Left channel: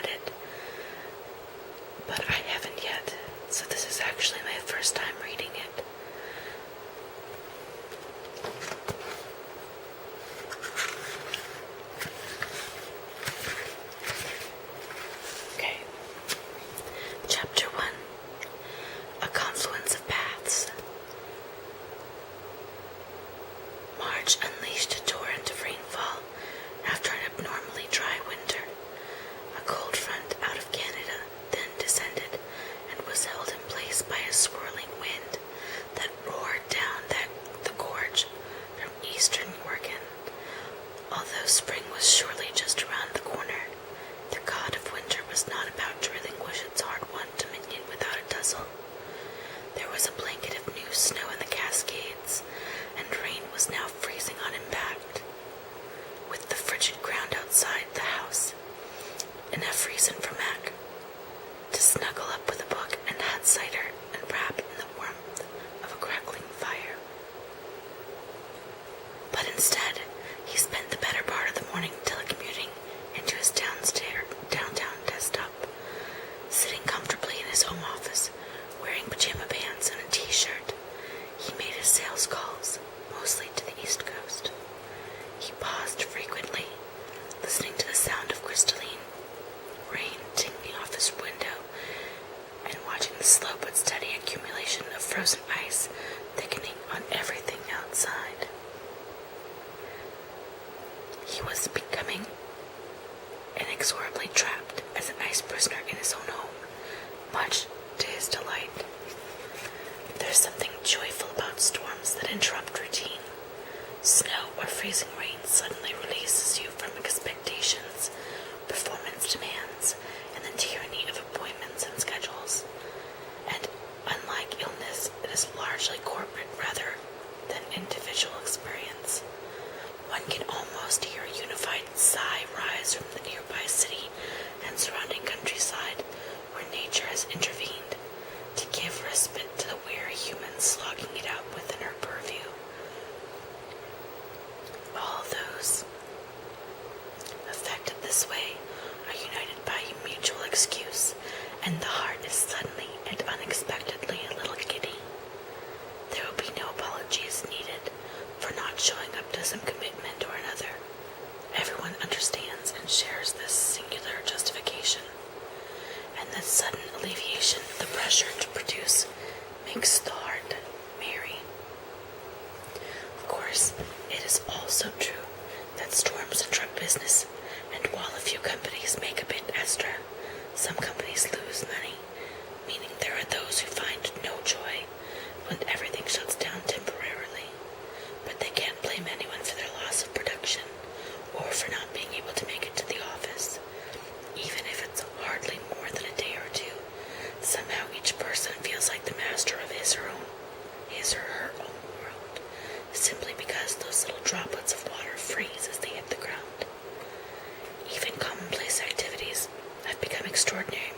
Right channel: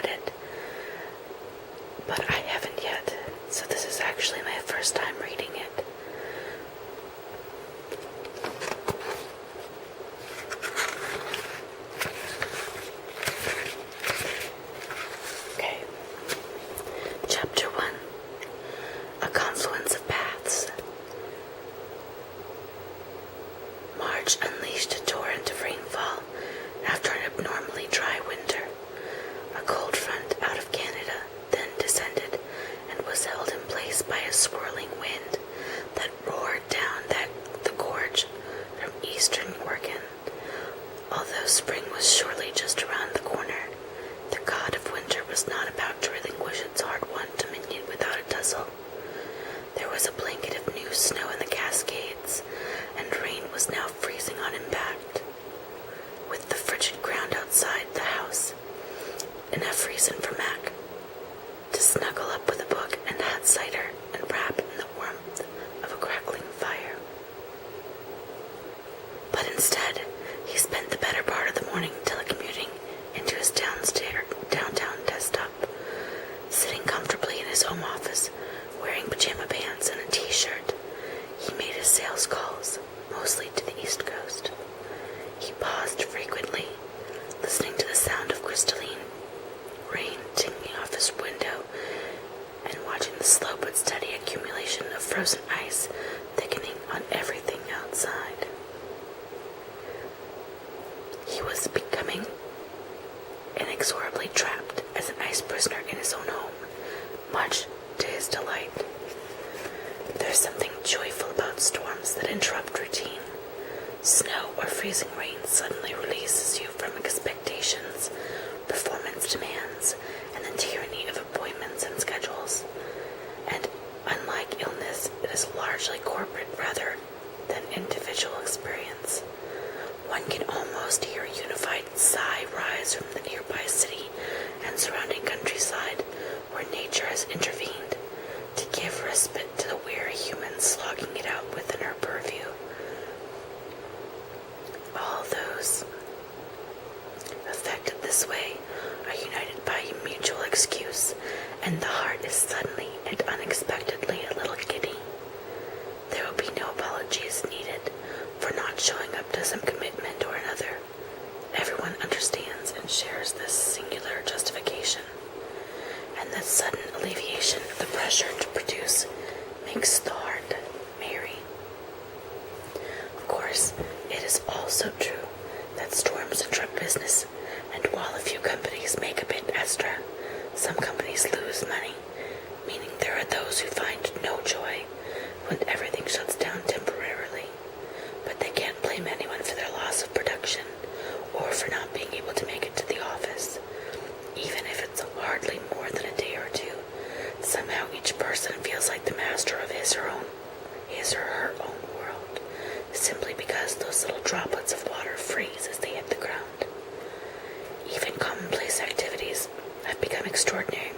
read it, but I haven't yet, so this is actually my first time reading it. Okay. Chapter 1. A Confluence of Paths. March unleashed a torrent of rainfall after an abnormally dry winter. A cold front out of Canada then descended and was held in place by a swirling wind that roared down the gorge from eastern Oregon. Although spring was surely just around the corner, the god of winter was not about to relinquish its hard-won dominion without a tussle. There was a blanket of new snow in the Cascades, and rain was now freezing on impact. With the frigid ground outside the house, enough reason for Mac to snuggle up with a book and hot cider and wrap in the warmth of a crackling fire. But instead, he spent the better part of the morning telecommuting into his downtown desktop, sitting comfortably in his home office, wearing pajama pants and a t-shirt. He made his sales calls, mostly to the East Coast. He paused frequently, listening to the sound of crystalline rain tingling off his window and watching the slow but steady accumulation of frozen ice thickening on everything outside. He was becoming inexorably trapped as an ice prisoner in his own home, much to his delight. There's something joyful about storms that interrupt routine. Snow or freezing rain suddenly releases you from expectations, performance demands, and the tyranny of appointments and schedules. And unlike illness, it is largely corporate rather than individual experience. One can almost hear a unified sigh rise from the nearby city and surrounding countryside, where nature has intervened to give respite to the weary humans slogging it out within her purview. All those affected this way are united by a mutual excuse, and the heart is suddenly and unexpectedly a little giddy. There will be no apologies needed for not showing up to some commitment or another. Everyone understands and shares this singular justification, and the sudden alleviation of the pressure to produce makes the heart merry. Of course, it is also true that storms interrupt business, and while a few companies make a bit extra, some companies lose money, meaning there are those who find no joy when everything shuts down temporarily. But they can't blame anyone for their loss of production or for not being able to make it to the office. Even if it's hardly more than a day or two, somehow each person feels like the master of his or her own world, simply because those little droplets of water freeze as they hit the ground. Even commonplace activities have become extraordinary